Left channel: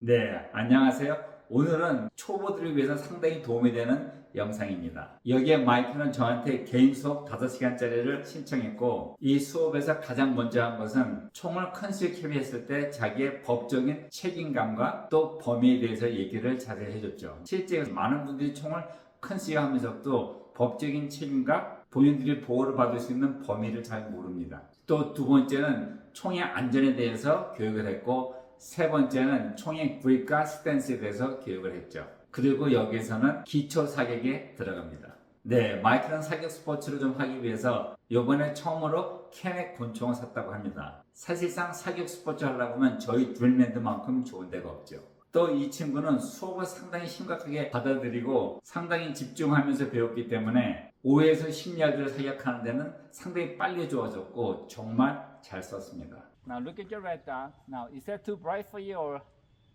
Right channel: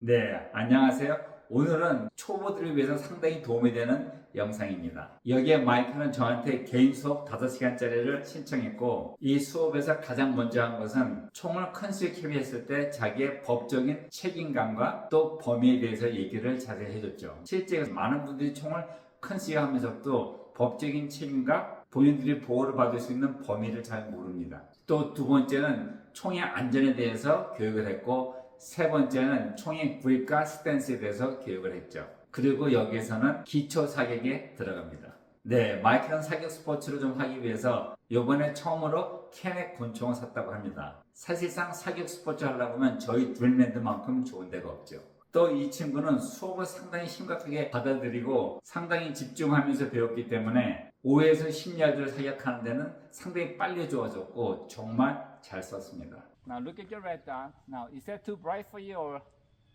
네, 안녕하세요. 오늘은 초보들을 위해서 상당히 도움이 되는 영상입니다. 여기에 마이크는 저한테 개인 수업 5시간짜리를 신청했고, 이 수업에서 가장 먼저 한 것은 총을 컨시브 캐리했을 때 자기의 법적인 책임감과 또 범위에 대해서 얘기를 자세히 해줬죠. 실제 많은 분들이 총을 컨시브 하면서도 법적인 책임과 본인들이 보호를 받을 수 있는 범위를 잘 모릅니다. 또 두 번째는 총의 안전에 대해서 교육을 했고, 세 번째는 총의 그립과 스탠스에 대해서 교육을 했죠. 그리고 여기에서는 기초 사격에 들어갑니다. 네, 마이크는 사격 스포츠를 좀 하기 위해서 이번에 처음으로 캐넥 권총을 샀다고 합니다. 사실상 사격 스포츠 하려고 하면 저희 드릴랜드만큼 좋은 데가 없죠. 또 이 친구는 수업을 상당히 심각하게 받아들이고 상당히 집중하면서 배웠기 때문에 5에서 10야드를 사격하는 데는 상당히 빨리 좋아졌고 정말 잘 썼습니다. Now look at your red dot. Now is that too bright for you or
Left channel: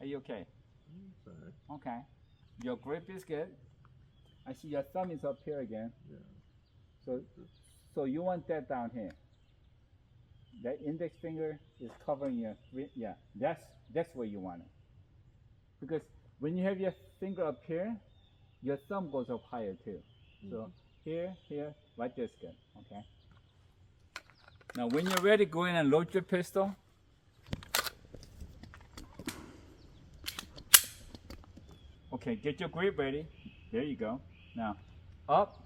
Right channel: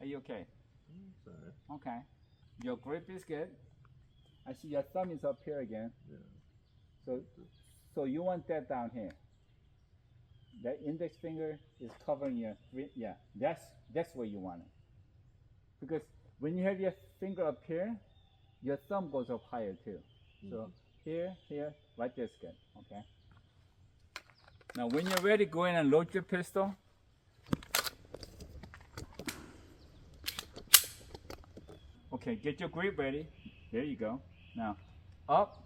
are you okay? Sorry. Okay. Your grip is good. I see your thumb is up here again. Yeah. So you want that down here. That index finger is covering your yeah. That's where you want it. Because when you have your finger up here, your thumb goes up higher too. So here, right there's good. Okay. Now when you're ready, go in and load your pistol. Okay, get your grip ready. There you go. Now, up,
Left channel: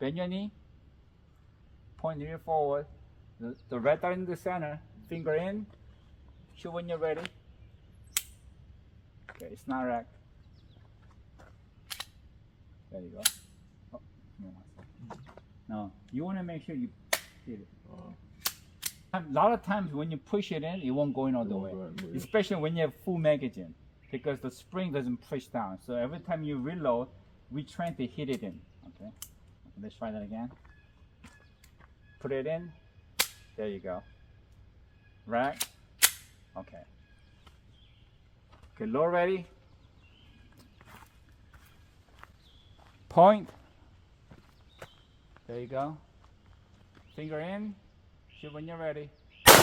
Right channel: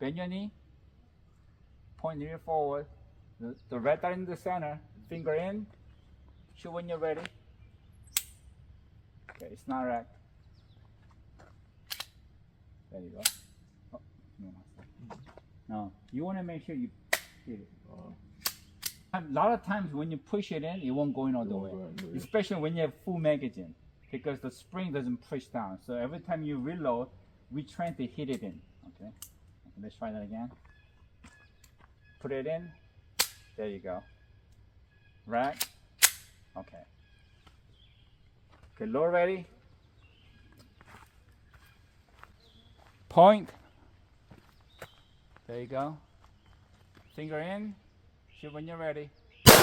bend your knee, point your forward. The red dot in the center, finger in, shoot when you're ready. Okay, it's not racked. There you go. Oh, no. Now, you want to make sure you hit it. A lot of times when you push it in, it won't go in all the way. Especially when you have full magazine, because the spring doesn't push down. So every time you reload, we try to hit it in. Okay, let's try that again. Put it in. There you go. Rack. Okay. Okay, load ready. Point. There you go. Finger in. Shoot when you're ready. Okay,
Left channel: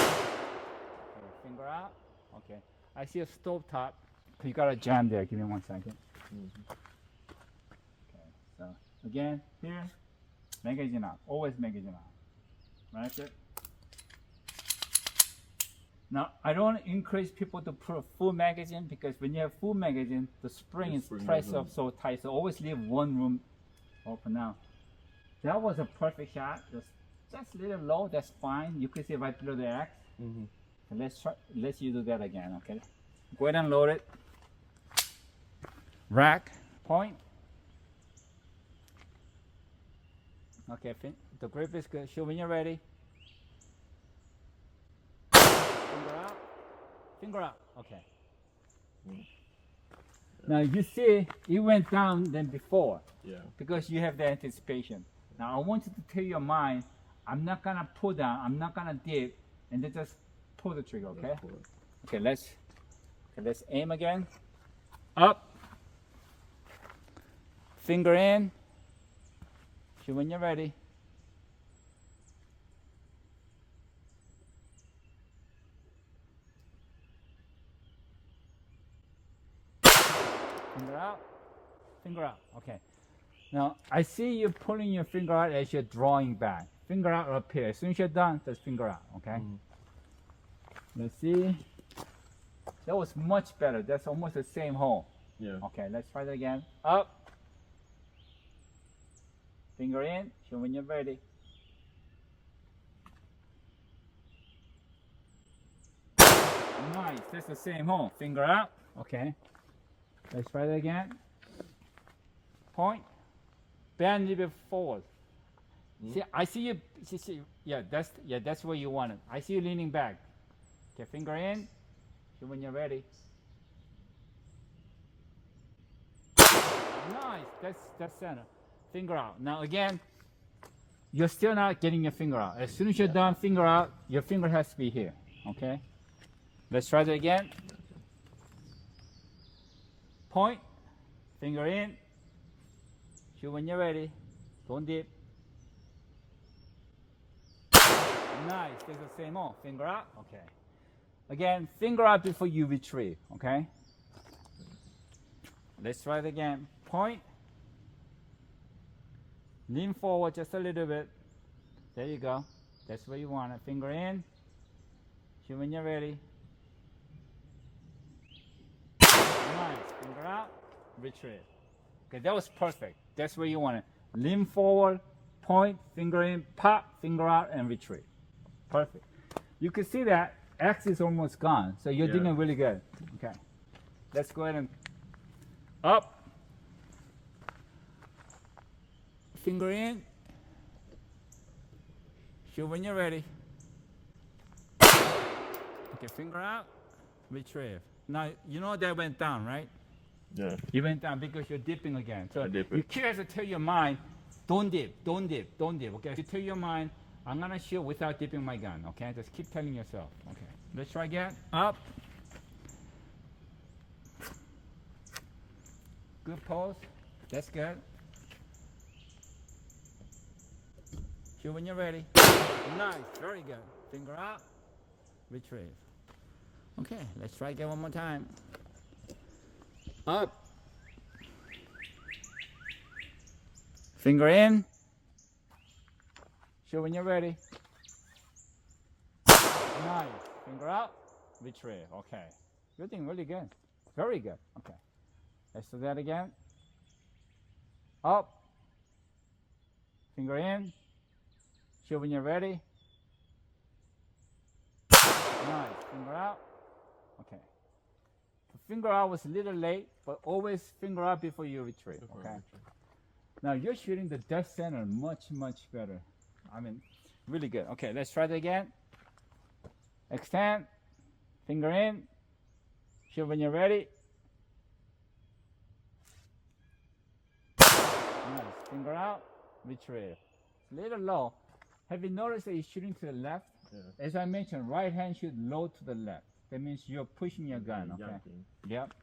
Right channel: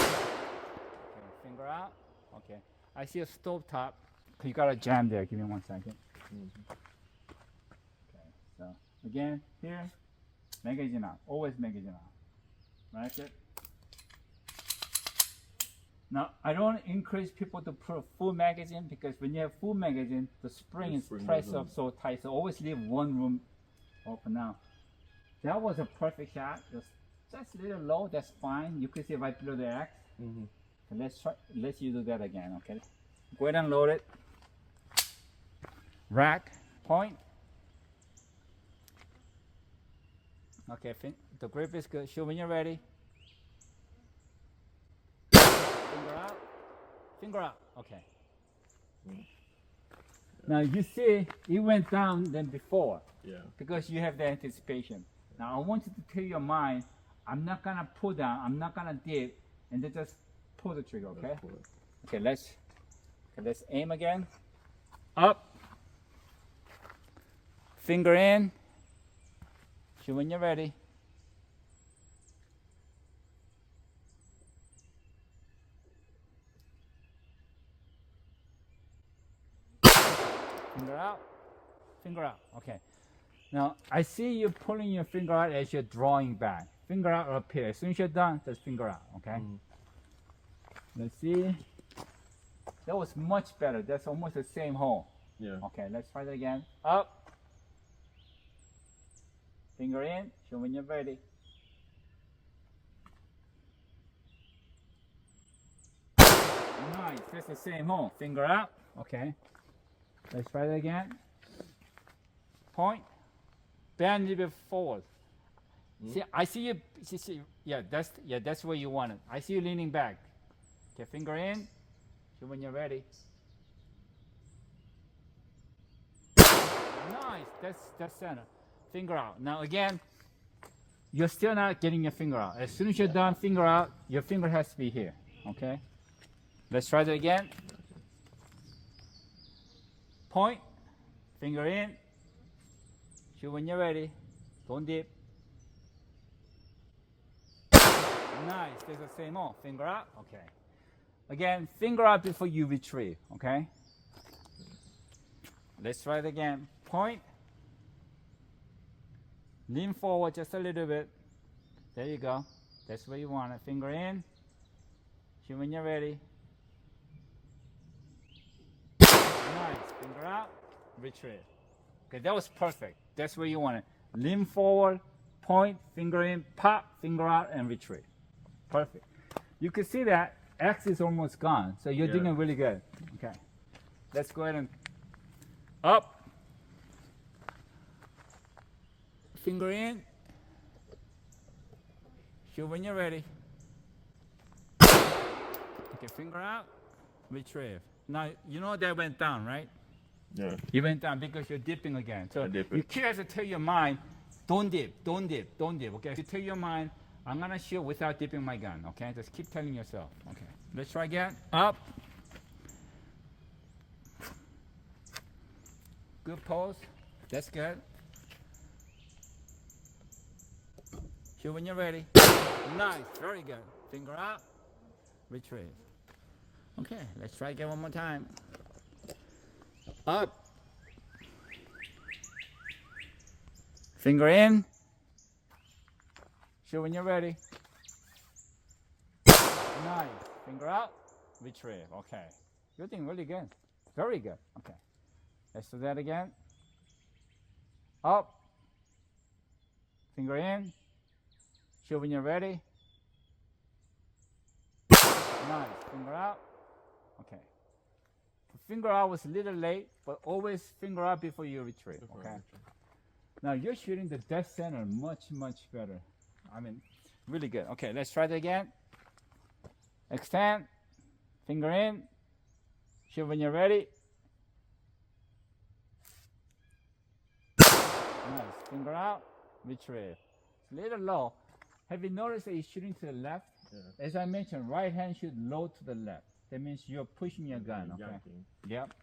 finger out. Okay. I see a stove top. You got a jam there. Give me 1 second. Okay. So again, here, magazine out. Always magazine out. That's it. Now I don't encourage people to put a full magazine because when you have full magazine, the spring is pressed up so tight. So always leave one room open. Now that was a perfect shot. Just a little low, that's fine. You can see right below the axe. So let's you do that again, okay? Go ahead and load it. Rack, point. Okay, the grip is good. Show when you're ready. Finger out. Finger out. Okay. Now you see it went down than before. Yeah. Because you have the anticipation. Now I want you to tell your mind, I'm not gonna pull down, I'm not gonna dip, and then just pull the trigger, okay? Okay, let's aim again. Up. Finger in. Shoot when you're ready. Finger out. Finger out. Okay. Now I see you pulling your finger out as you're drawing back. Finger out up here. As soon as you're done, just finger out. Okay. Let's see. That was much better. That's almost the same hole. Yeah. Okay. Let's try that again. Up. Finger in. Show when you're ready. Nice. That's the same hole. Finger out. Okay. Let's try that again. Point. Bend a little bit forward. See, I see you. See, yeah, that's where you want it. I see you leaning back. Okay, finger in. Shoot when you're ready. Nice. That's center. Finger out. Now again, you're still not getting your finger out. As soon as you're done, finger out. Your finger has to be here. Okay. Let's try that again. Point. Finger in. Shoot when you're ready. Don't dip. Nice. There's the same hole. Finger out. Okay. Again, finger out before you retrieve, okay? Let's try it again. Point. Lean forward just a little bit. There you go. That's where you want it. Finger in. Shoot when you're ready. Nice. Finger out. Retrieve. Okay, that was perfect. That's where you want it. Lean forward, point, finger in, pop, finger out, and retrieve. Perfect. You can see that X is almost gone. So you're doing really good. Okay. Let's go ahead and up. Finger in. Shoot when you're ready. Okay, finger out, retrieve. Now, you know that went down, right? Yeah. You went down because you're dipping again. So you keep have to tell your mind, don't dip, don't dip, don't dip. Okay, you tell your mind, I'm gonna shoot without dipping my gun. Okay, just keep telling yourself. Okay, let's try again. Up. Good pose. That's good. Shoot when you're ready. Nice, very good. Finger out, retrieve. Okay, let's try again one more time. Up. Finger in. Shoot when you're ready. Nice. Finger out, retrieve. Okay. You're doing really good. Very good. Okay. Let's do that again. Up. Finger in. Shoot when you're ready. Nice. Finger out. Okay. Finger out was a little late, but always finger out before you retrieve. Okay. Now you're shooting the dead center much, much better. I mean, really good. Okay, let's try that again. Extend. Finger in. Shoot when you're ready. Nice. Finger out. Retrieve. It's a little low. Have you noticed that you're shooting to the left? Yeah. As I mentioned, right hand shoot low to the left. That means you're pushing your gun, okay? Yep.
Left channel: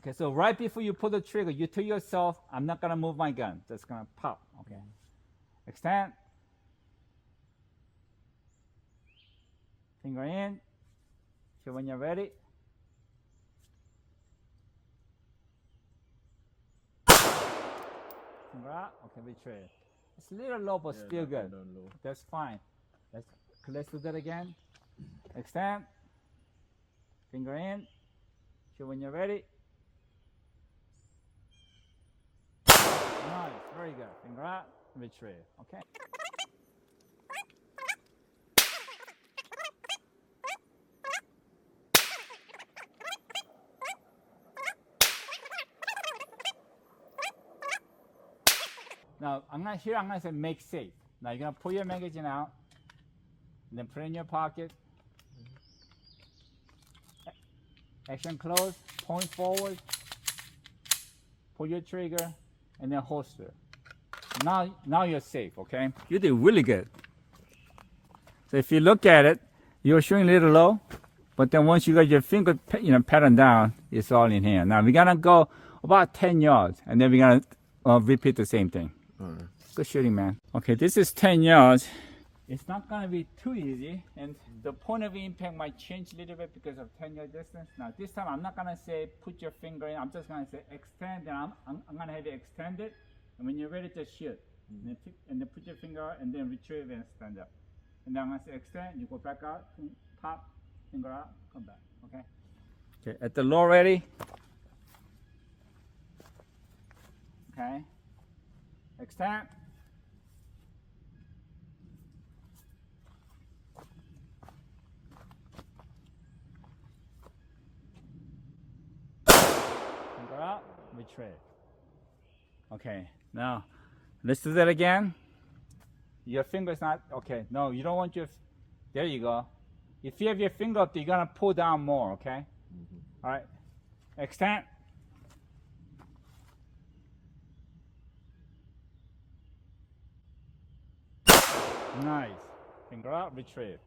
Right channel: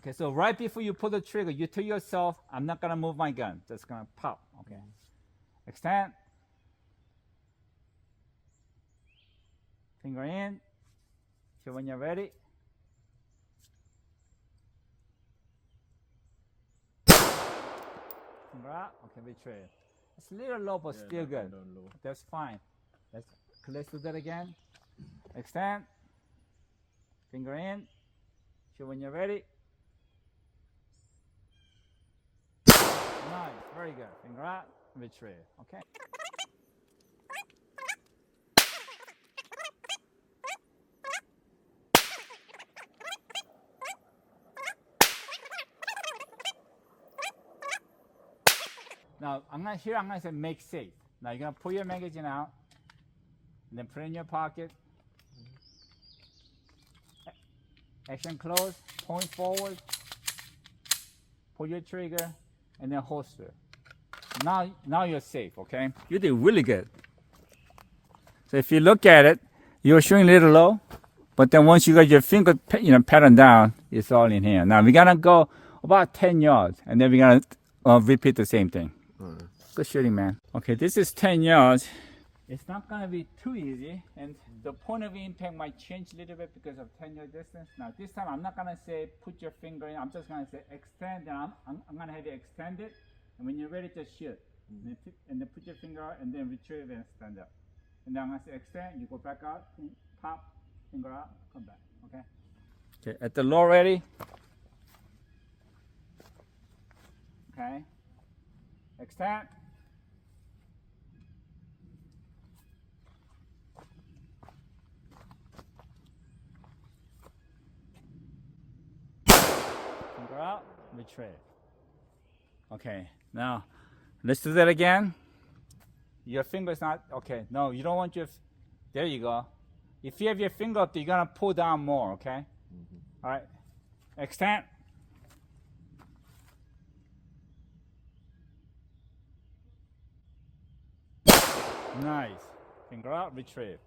Okay, so right before you pull the trigger, you tell yourself, I'm not gonna move my gun. Just gonna pop, okay? Extend. Finger in. Shoot when you're ready. Finger out. Okay, retrieve. It's a little low, but still good. That's fine. Let's do that again. Extend. Finger in. Shoot when you're ready. Nice. Very good. Finger out. Retrieve. Okay. Now, I'm gonna say make safe. Now you're gonna pull your magazine out, and then put it in your pocket. Action close, point forward, pull your trigger, and then holster. Now you're safe, okay? You did really good. So if you look at it, you're shooting a little low, but then once you got your finger, pattern down, it's all in here. Now we're gonna go about 10 yards, and then we're gonna repeat the same thing. Good shooting, man. Okay, this is 10 yards. It's not gonna be too easy, and the point of impact might change a little bit because of 10-yard distance. Now this time I'm not gonna say put your finger in, I'm just gonna say extend, and I'm gonna have you extend it, and when you're ready to shoot, and then put your finger out, and then retrieve and stand up. And then I'm gonna say extend, you go back out, pop, finger out, come back, okay? Okay, at the low ready. Okay, extend. Finger out, retrieve. Okay, now let's do that again. Your finger's not, okay, no, you don't want your, there you go. If you have your finger up, you're gonna pull down more, okay? All right, extend. Nice. Finger out, retrieve.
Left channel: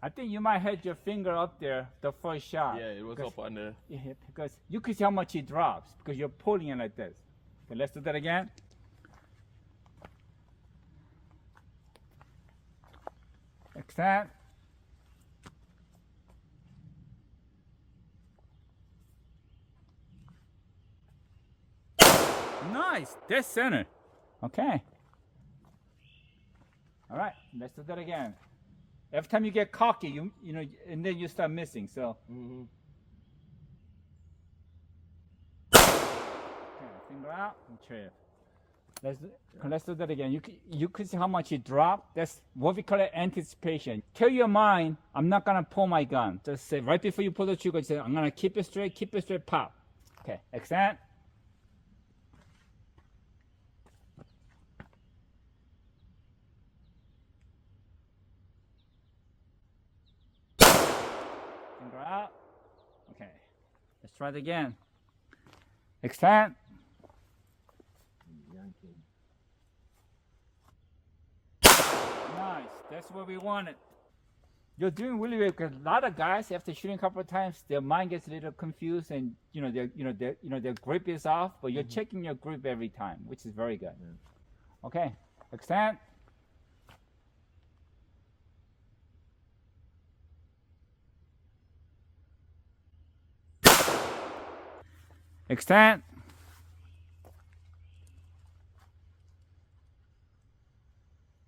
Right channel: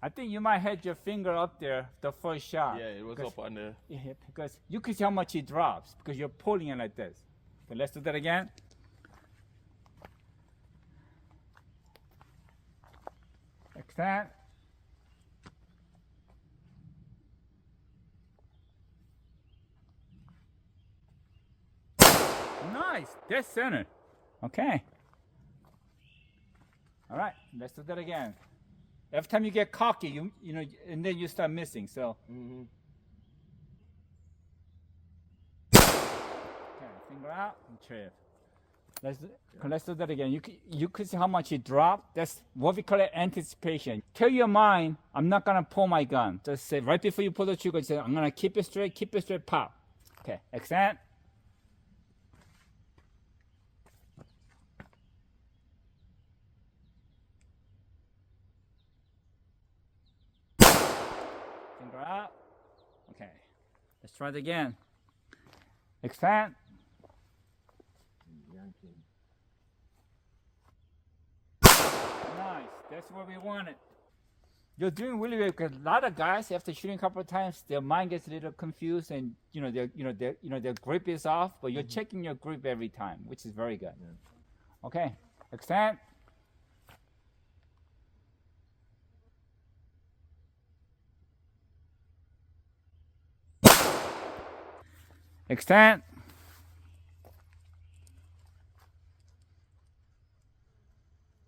I think you might have your finger up there the first shot. Yeah, it was up on there. Yeah, because you can see how much it drops because you're pulling it like this. Okay, let's do that again. Extend. Nice. Dead center. Okay. All right. Let's do that again. Every time you get cocky, you know, and then you start missing. So. Okay, finger out and trip. Let's do that again. You could see how much it dropped. That's what we call it, anticipation. Tell your mind, I'm not gonna pull my gun. Just say right before you pull the trigger, say, I'm gonna keep it straight, pop. Okay, extend. Finger out. Okay, let's try it again. Expand. Nice. That's what we wanted. You're doing really well because a lot of guys, after shooting a couple of times, their mind gets a little confused, and their grip is off. But you're checking your grip every time, which is very good. Yeah. Okay, extend. Extend.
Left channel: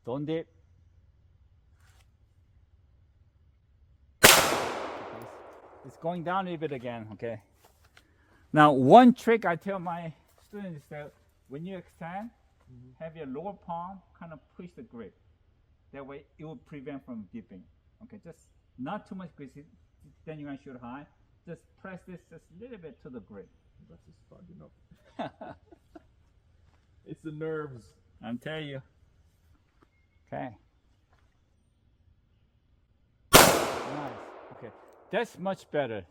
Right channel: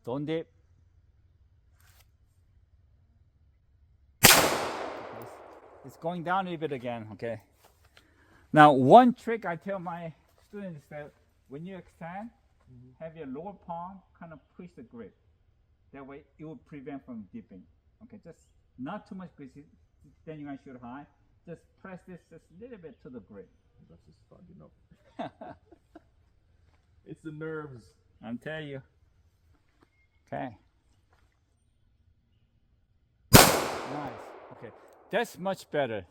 Don't dip. It's going down a little bit again, okay? Now, one trick I tell my students is that when you extend, have your lower palm kind of push the grip. That way, it will prevent from dipping. Okay, just not too much grip, then you're gonna shoot high. Just press this just a little bit to the grip. That's just fogging up. It's the nerves. I'm telling you. Okay. Nice. Okay. That's much better.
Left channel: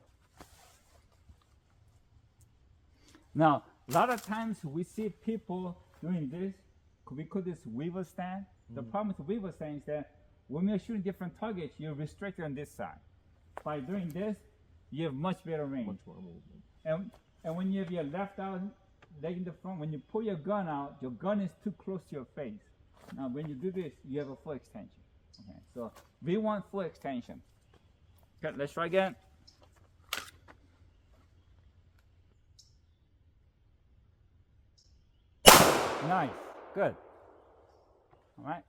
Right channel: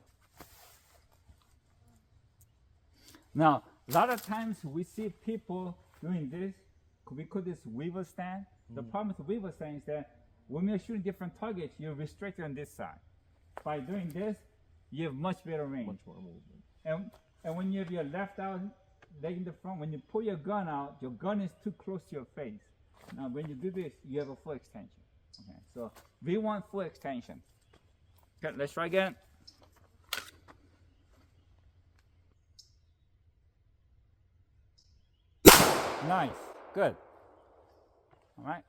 Now, a lot of times we see people doing this. We call this weaver stand. The problem with weaver stand is that when you're shooting different targets, you're restricted on this side. By doing this, you have much better range. Much more movement. And when you have your left out, leg in the front, when you pull your gun out, your gun is too close to your face. Now, when you do this, you have a full extension. Okay, so we want full extension. Okay, let's try again. Nice, good. All right.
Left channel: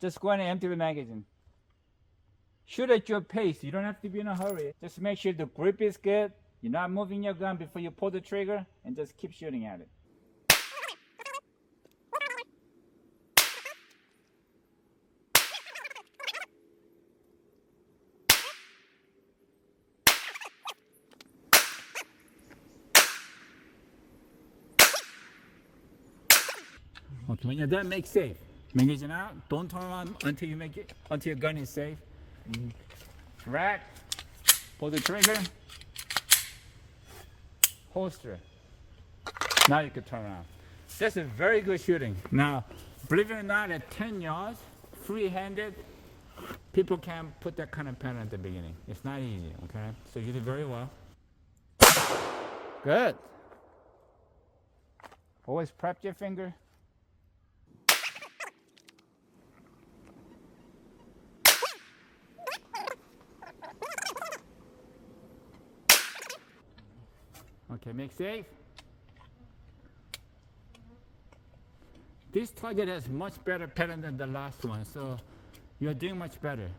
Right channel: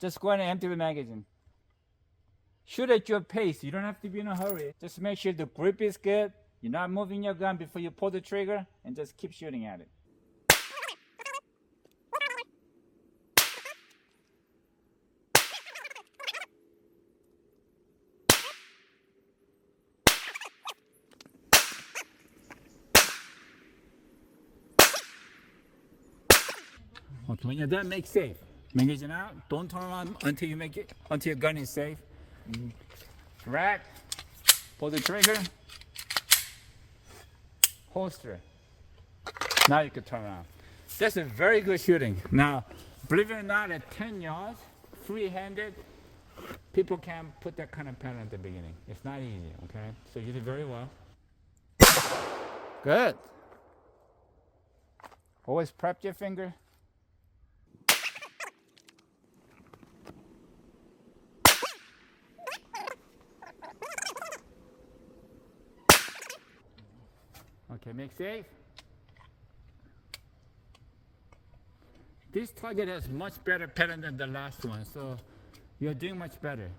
Just go ahead and empty the magazine. Shoot at your pace. You don't have to be in a hurry. Just make sure the grip is good. You're not moving your gun before you pull the trigger, and just keep shooting at it. Okay, when you're done, make safe. Magazine out. Don't turn on until you make it, until your gun is safe. Rack. Pull the trigger. Holster. Now you can turn around. That's a very good shooting. Now, believe it or not, at 10 yards, free-handed, people can't put that kind of pattern at the beginning. It's not easy, okay? So you did very well. Good. Always prep your finger. Okay, make safe. This target has much better pattern than the last one, so you're doing much better.